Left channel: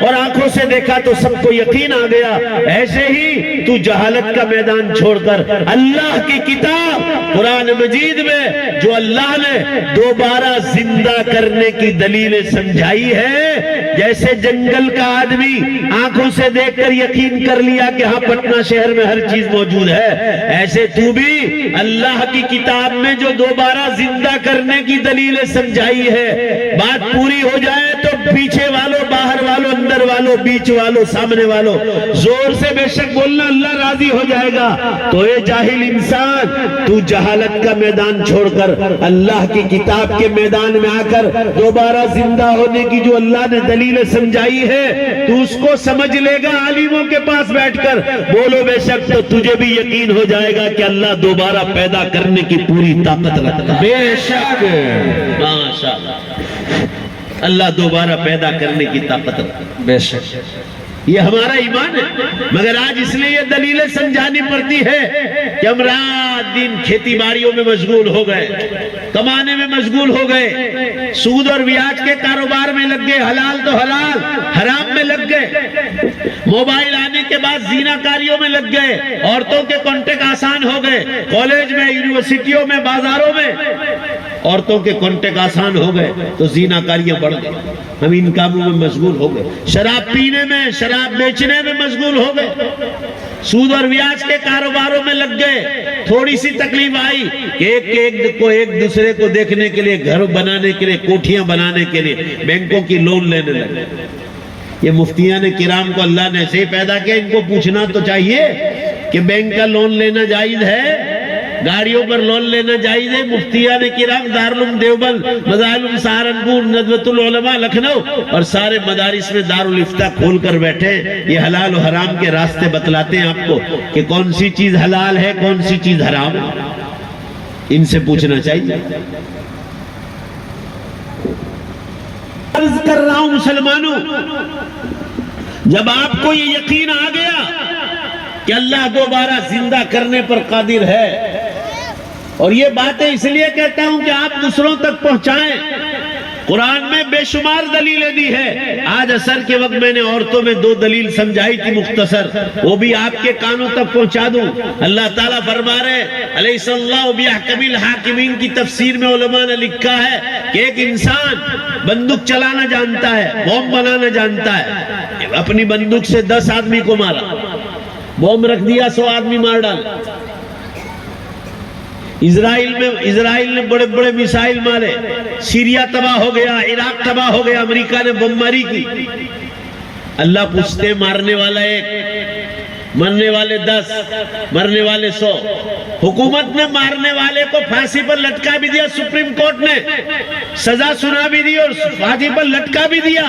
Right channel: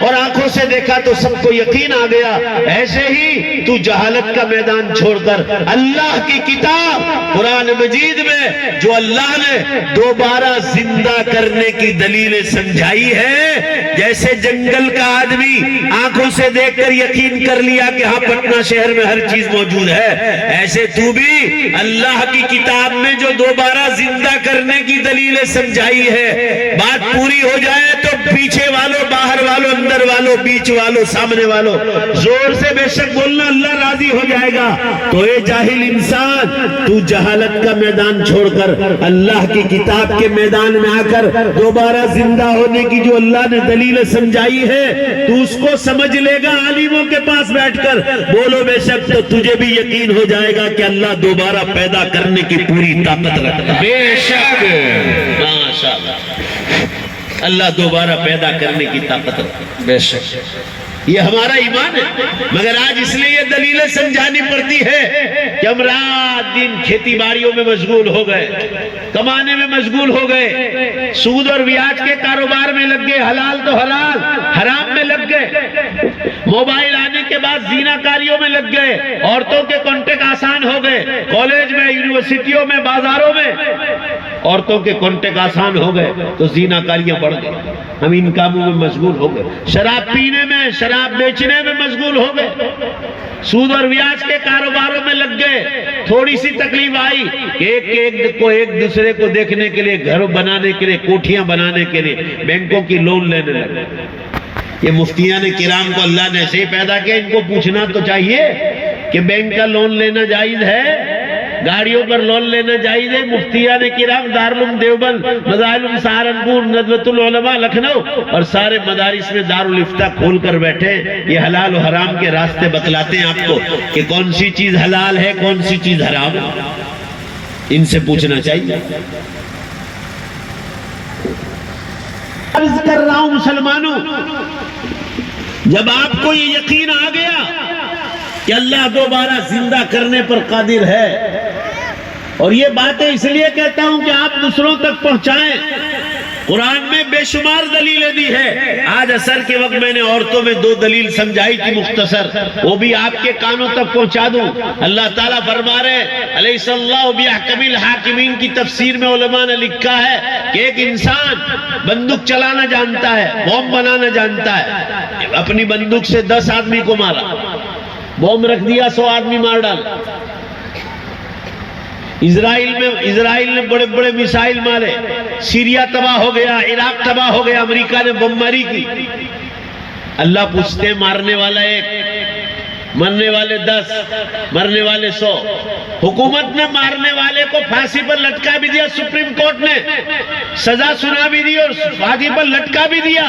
اور آنکھوں سے دیکھا تو سب کو یقین آ گیا، ایسے ہی تو جہالت کا میدان چھوڑ کر اللہ کی کتاب قرآن مجید میں جو اللہ نے دوبارہ زندہ کرنے کی دلیلیں سمجھائی ہے، جیسے جنگل کا آدمی آنکھوں سے دیکھ کر یقین کر لیا کہ ہاں پٹنہ شہر میں ہر چیز موجود ہے، ایسے تو بھی اللہ کی کتاب میں جو دوبارہ زندہ کرنے کی دلیلیں سمجھائی ہے، بات پوری ہو جائے تو پیچھے والوں، باہر والوں، اندر والوں، بیچ والوں، سامنے والوں زور سے بے شک بولنا، اللہ راضی ہو جائے گا۔ تو اے جاہل انسان، تو جہالت کا میدان چھوڑ کر اللہ کی کتاب کے میدان میں آ کر دوبارہ زندہ ہونے کی جو اللہ نے دلیلیں سمجھائی ہے، تو اس کو سمجھ لے گا عالموں کے پاس بیٹھ کر، بولو بے شک، تو تجھے بھی یقین ہو جائے گا کہ اللہ دوبارہ پیدا کرنے کی پوری طاقت رکھتا ہے۔ بے شک ماشاءاللہ، اللہ دوبارہ پیدا کرنے کی طاقت رکھتا ہے، بے شک۔ یہ ہمارا ایمان ہے۔ مگر آج اس لیے یہ دلیلیں سمجھانی پڑتی ہے کہ ہم رات دن کھیتی باڑیوں میں مشغول ہو گئے، کمانے میں مشغول ہو گئے، سود اور بیاج کے کاروبار میں لگ گئے، حلال تو حلال، حرام میں لگ گئے، موبائل آنے کے بعد زینا کاریوں میں لگ گئے، عورتوں کے کانٹیکٹ آسان ہو گئے، کالج میں، یونیورسٹیوں میں، بازاروں میں عورتوں کے کانٹیکٹ آسان ہو گئے تو زینا کاریاں بڑھ گئے، ہم ان کاموں میں مشغول ہو گئے، شراب پینے میں، شراب بیچنے میں مشغول ہو گئے، سود اور بیاج کے کاروباروں میں لگ گئے۔ تھوڑی سی تکلیف آئی کہ ایک دوسرے کو دیکھنے کے لیے، گھر بنانے کے لیے، کوٹھیاں بنانے کے لیے بینکوں کی لون لینے لگے۔ یہ مفتیان کرام کو اللہ نے ایسے ہی پیدا کیا، ان کو پوچھنا تو چاہیے کہ بینک کا لون لینا جائز ہے، گاڑیوں پر لون لینا جائز ہے۔ مفتیان کرام دارالعلوم دیوبند، مظاہر سہارنپور، ندوۃ العلماء لکھنؤ اور سارے مدارس میں دارالافتاء کھول کر بیٹھے، یہ حلال و حرام کے راستے بتلاتے ہیں آپ کو کہ کون سی چیز حلال ہے، کون سی چیز حرام ہے، ان سے پوچھنا چاہیے۔ عرض کر رہا ہوں مسلمانوں، جب آپ کو یہ یقین آ گیا کہ اللہ دوبارہ زندہ کرنے پر قادر ہے، اور یہ باتیں اس لیے کہتا ہوں کہ آپ دوسروں تک پہنچائیں، قرآن میں بے شمار دلیلیں دی ہے۔ آج عصر کے وقت میں نے عورتوں میں 2 دلیل سمجھائی تھی مختصر، وہ بھی آپ کے کانوں تک پہنچا دوں۔ اللہ تعالیٰ فرما رہے الیس اللہ بأحکم الحاکمین کی تفسیر میں علماء نے لکھا ہے کہ ایک انسان بندوق چلانا جانتا ہے، بم بنانا جانتا ہے، اپنی بندوق سے 10 آدمی کو مارا، بم رکھ دیا 100 آدمی مار ڈالا۔ اسرائیل نے بڑے بڑے میسائل مارے، سیریا تباہ ہو گیا، عراق تباہ ہو گیا، امریکہ نے بم ماری کی۔ اللہ پوچھتے مارنے والا 1، مرنے والے 10، مرنے والے 100۔ حکومت نے مارنے والے کو پھانسی پر لٹکا بھی دیا، سپریم کورٹ نے سزا سنا بھی دی اور پھانسی پر لٹکا بھی دیا۔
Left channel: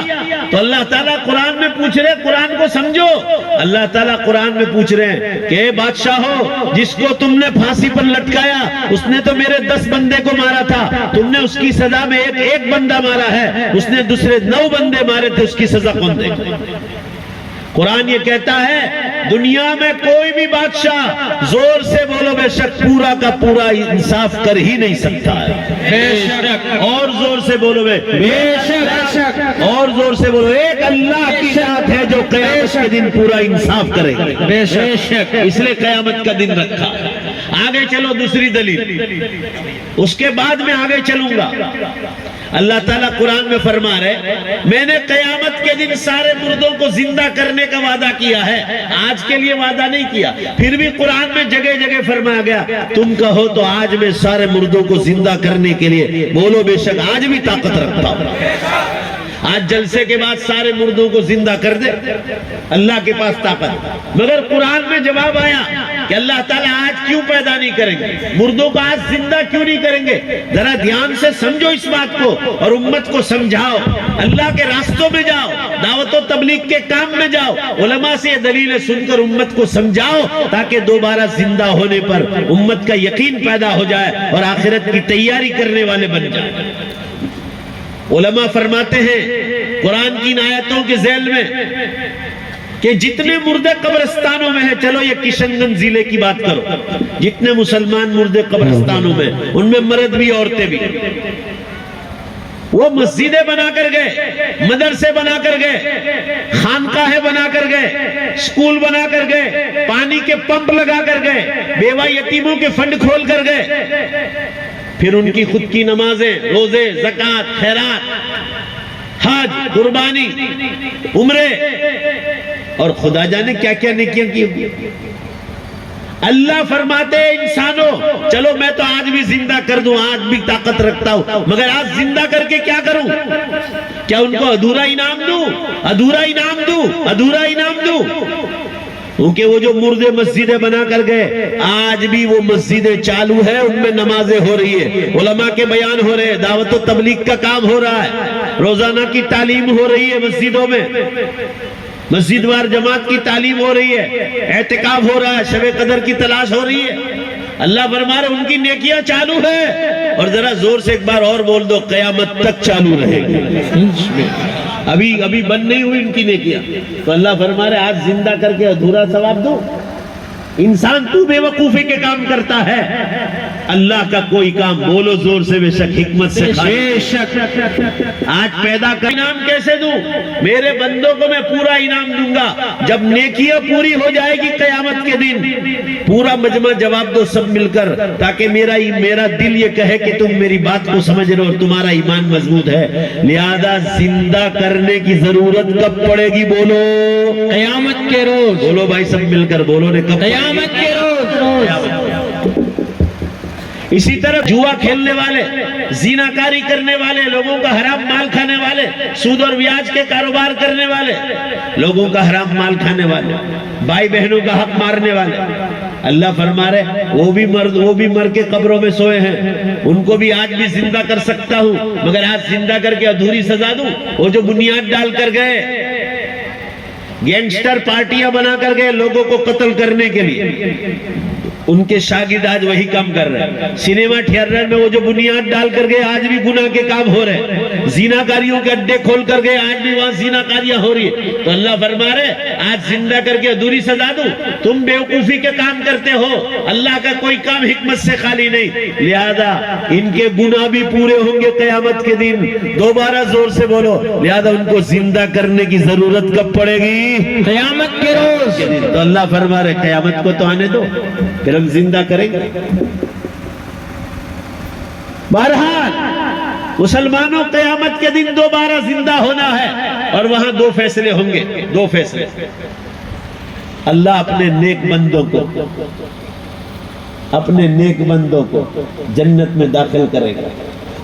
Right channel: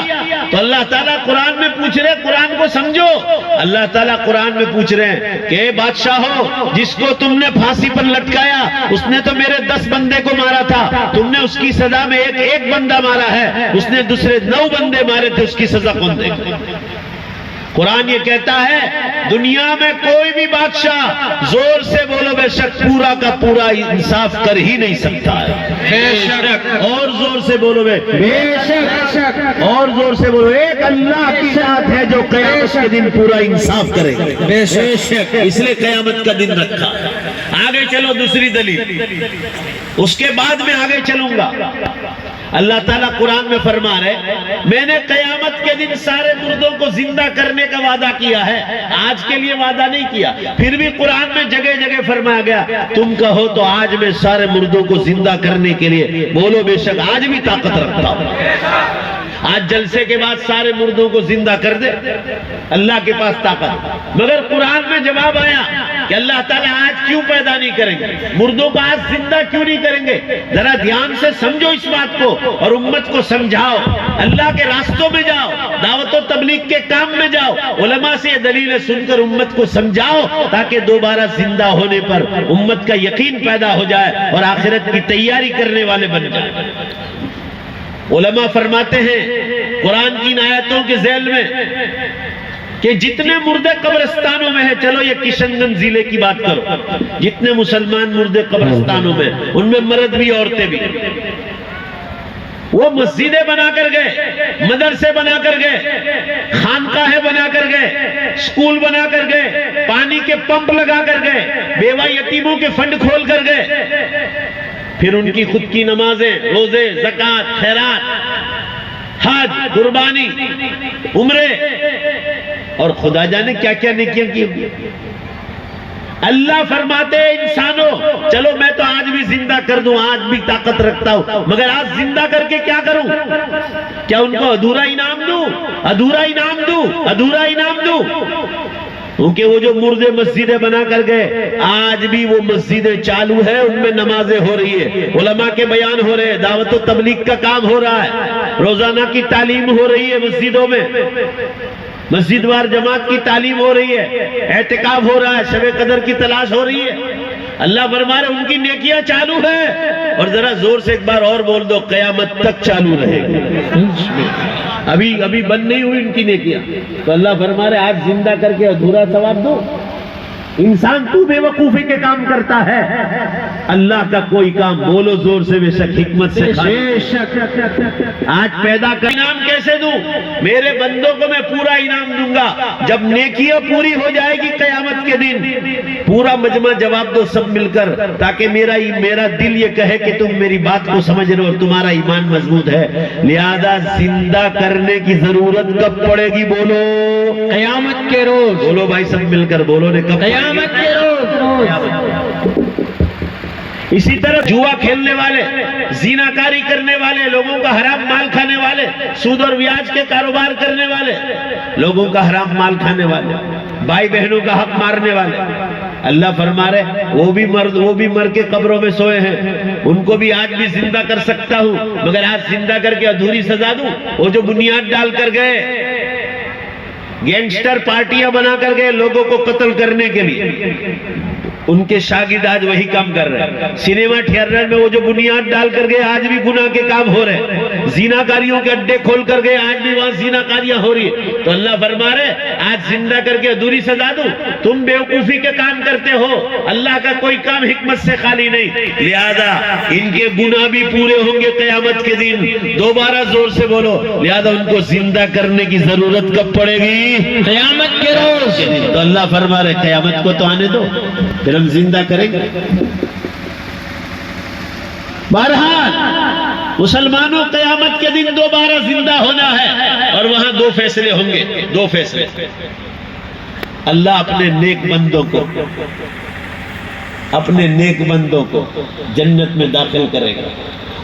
تو اللہ تعالیٰ قرآن میں پوچھ رہے، قرآن کو سمجھو، اللہ تعالیٰ قرآن میں پوچھ رہے ہیں کہ اے بادشاہو، جس کو تم نے پھانسی پر لٹکایا اس نے تو میرے 10 بندے کو مارا تھا، تم نے اس کی سزا میں ایک بندہ مارا ہے، اس نے دوسرے 9 بندے مارے تھے، اس کی سزا کون دے گا؟ قرآن یہ کہتا ہے دنیا میں کوئی بھی بادشاہ، زور سے بولو بے شک، پورا کا پورا انصاف کر ہی نہیں سکتا ہے۔ بے شک، اور زور سے بولو بے شک، اور زور سے بولو، ایک اللہ کی ذات ہے جو قیامت کے دن پورا انصاف کرے گا۔ بے شک، اس لیے قیامت کا دن رکھا۔ آگے چلو دوسری دلیل، اس کے بعد میں آگے چلوں گا۔ اللہ تعالیٰ قرآن میں فرما رہے میں نے قیامت کے دن سارے مردوں کو زندہ کرنے کا وعدہ کیا ہے، آج کے لیے وعدہ نہیں کیا۔ پھر بھی قرآن میں جگہ جگہ فرمایا گیا تم کہو تو آج میں سارے مردوں کو زندہ کرنے کے لیے، بولو بے شک آج بھی طاقت رکھتا ہوں۔ آج جلسے کے بعد سارے مردوں کو زندہ کر دے، اللہ کے پاس طاقت۔ مگر قرآن میں جواب آیا کہ اللہ تعالیٰ آج کیوں پیدا نہیں کریں گے، مردوں کو آج زندہ کیوں نہیں کریں گے؟ ذرا دھیان سے سمجھو اس بات کو اور امت کو سمجھاؤ، اللہ کے راستوں میں جاؤ، دعوت و تبلیغ کے کام میں جاؤ، علماء سے دلیلیں سن کر امت کو سمجھاؤ تاکہ دوبارہ زندہ ہونے پر امت کا یقین پیدا ہو جائے اور آخرت کی تیاری کرنے والے بن جائیں۔ علماء فرماتے ہیں قرآن کی آیتوں کے ذیل میں کہ جتنے مردے قبرستانوں میں ہیں، چلو یہ کشن گنج ضلع کی بات کرو، جتنے مسلمان مردے قبرستانوں میں، ان میں مرد بھی عورتیں بھی، وہ مسجدیں بنا کر گئے، مدرسے بنا کر گئے، خانقاہیں بنا کر گئے، اسکول بنا کر گئے، پانی کے پمپ لگا کر گئے، بیوہ یتیموں کے فنڈ کھول کر گئے، پھر ان کی خود کی نمازیں، روزے، زکوٰۃ، خیرات، حج، قربانی، عمرے، اور خدا جانے کیا کیا نیکیاں کی ہوگی۔ اللہ فرماتے ہیں انسانوں چلو میں تو آج بھی زندہ کر دوں، آج بھی طاقت رکھتا ہوں، مگر آج زندہ کر کے کیا کروں؟ کیا ان کو ادھورا انعام دوں؟ ادھورا انعام دوں؟ ادھورا انعام دوں؟ کیونکہ وہ جو مردے مسجدیں بنا کر گئے، آج بھی وہ مسجدیں چالو ہیں، ان میں نمازیں ہو رہی ہے، علماء کے بیان ہو رہے ہیں، دعوت و تبلیغ کا کام ہو رہا ہے، روزانہ کی تعلیم ہو رہی ہے مسجدوں میں، مسجد وار جماعت کی تعلیم ہو رہی ہے، اعتکاف ہو رہا ہے، شب قدر کی تلاش ہو رہی ہے۔ اللہ فرما رہے ان کی نیکیاں چالو ہے، اور ذرا زور سے ایک بار اور بول دو، قیامت تک چالو رہے گی۔ ابھی بند نہیں ہوئی ان کی نیکیاں، تو اللہ فرما رہے آج زندہ کر کے ادھورا ثواب دو۔ انسان تو بے وقوفی کے کام کرتا ہے، اللہ کا کوئی کام بولو زور سے، بے شک حکمت سے، بے شک آج پیدا کر انعام کیسے دوں؟ میرے بندوں کو میں پورا انعام دوں گا جب نیکیاں پوری ہو جائے گی قیامت کے دن، پورا مجمع جواب دو سب مل کر، تاکہ میرا دل یہ کہے کہ تم میری بات کو سمجھ رہے ہو اور تمہارا ایمان مضبوط ہے۔ لہذا زندہ کرنے کی ضرورت کب پڑے گی؟ بولو قیامت کے روز۔ بولو بھائی سب مل کر بولو نے، کب؟ قیامت کے روز۔ اسی طرح جوا کھیلنے والے، زیناکاری کرنے والے، لوگوں کا حرام مال کھانے والے، سود اور بیاج کے کاروبار کرنے والے، لوگوں کا حرام مال کھانے والے، بھائی بہنوں کا حق مارنے والے، اللہ فرما رہے وہ بھی مر کے قبروں میں سوئے ہیں، ان کو بھی آج بھی زندہ کر سکتا ہوں، مگر آج زندہ کر کے ادھوری سزا دوں؟ وہ جو بنیاد ڈال کر گئے، گینگسٹر پارٹیاں بنا کر گئے لوگوں کو قتل کرنے کے لیے، ان کے شاگرد آج وہی کام کر رہے ہیں۔ سینما تھیٹر میں وہ جو بنیاد ڈال کر گئے آج بھی گناہ کے کام ہو رہے ہیں، زیناکاریوں کے اڈے کھول کر گئے آج بھی وہاں زیناکاریاں ہو رہی ہیں۔ تو اللہ فرما رہے آج زندہ کر کے ادھوری سزا دوں؟ تم بیوقوفی کے کام کرتے ہو، اللہ کا کوئی کام حکمت سے خالی نہیں، لہذا ان کے گناہ بھی پورے ہوں گے قیامت کے دن۔ دوبارہ زور سے بولو، لہذا ان کو زندہ کرنے کی ضرورت کب پڑے گی؟ قیامت کے روز۔ تو اللہ فرما رہے قیامت کو تو آنے دو، پھر ہم زندہ کریں گے۔ بہرحال مسلمانوں قیامت کے دن دوبارہ زندہ ہونا ہے، اور وہاں دو فیصلے ہوں گے، دو فیصلے۔ اللہ اپنے نیک بندوں کو جنت میں داخل کرے گا،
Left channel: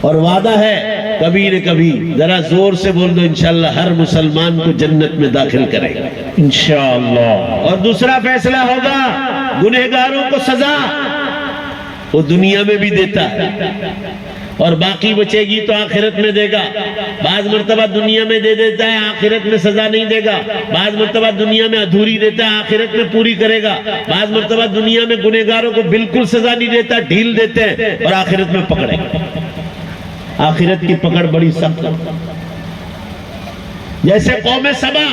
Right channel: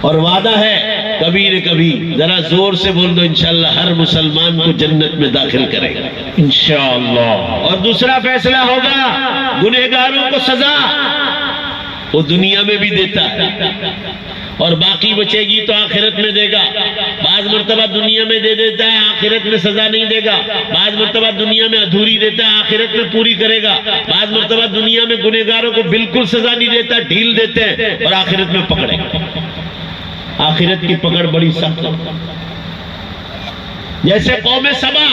اور وعدہ ہے کبھی نہ کبھی، ذرا زور سے بول دو، انشاءاللہ ہر مسلمان کو جنت میں داخل کرے گا انشاءاللہ۔ اور دوسرا فیصلہ ہوگا گنہگاروں کو سزا، وہ دنیا میں بھی دیتا ہے، اور باقی بچے گی تو آخرت میں دے گا۔ بعض مرتبہ دنیا میں دے دیتا ہے، آخرت میں سزا نہیں دے گا۔ بعض مرتبہ دنیا میں ادھوری دیتا ہے، آخرت میں پوری کرے گا۔ بعض مرتبہ دنیا میں گنہگاروں کو بالکل سزا نہیں دیتا، ڈھیل دیتے ہیں، اور آخرت میں پکڑے گا۔ آخرت کی پکڑ بڑی سخت ہے، جیسے قوم سبا،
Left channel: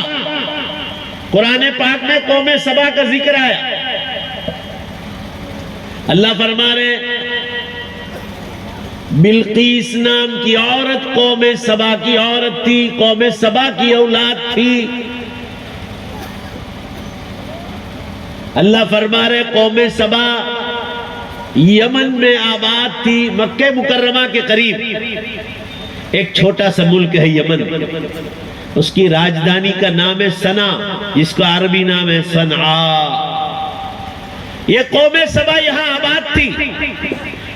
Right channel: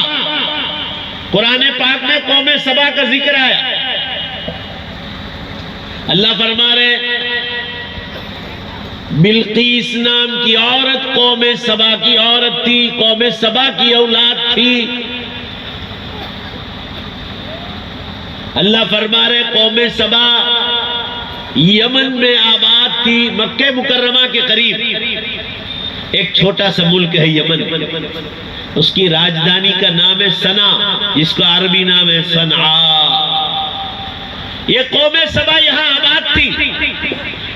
قرآن پاک میں قوم سبا کا ذکر آیا۔ اللہ فرما رہے بلقیس نام کی عورت قوم سبا کی عورت تھی، قوم سبا کی اولاد تھی۔ اللہ فرما رہے قوم سبا یمن میں آباد تھی، مکہ مکرمہ کے قریب ایک چھوٹا سا ملک ہے یمن، اس کی راجدھانی کا نام ہے سنا، جس کا عربی نام ہے صنعاء۔ یہ قوم سبا یہاں آباد تھی،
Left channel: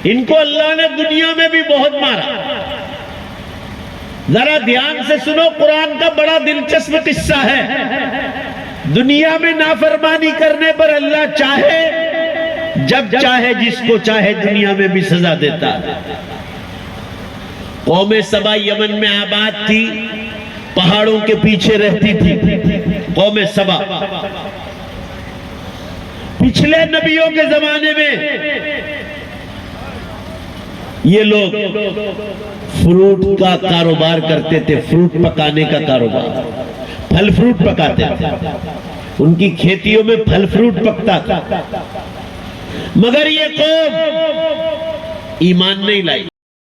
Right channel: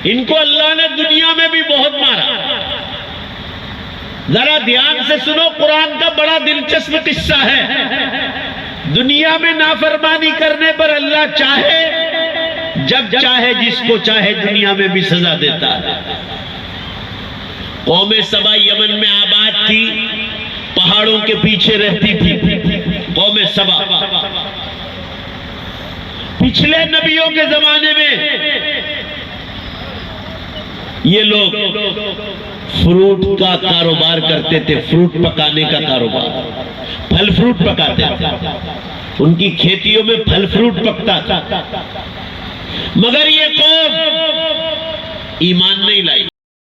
ان کو اللہ نے دنیا میں بھی بہت مارا۔ ذرا دھیان سے سنو، قرآن کا بڑا دلچسپ قصہ ہے۔ دنیا میں نافرمانی کرنے پر اللہ چاہے جب چاہے جس کو چاہے دنیا میں بھی سزا دیتا ہے۔ قوم سبا یمن میں آباد تھی، پہاڑوں کے پیچھے رہتی تھی قوم سبا۔ پچھلے نبیوں کے زمانے میں یہ لوگ فروٹ کا کاروبار کرتے تھے، فروٹ پکانے کا کاروبار، پھل فروٹ پکاتے تھے، ان کی کھیتیوں میں پھل فروٹ پکتا تھا۔ مگر یہ قوم ایمان نہیں لائی۔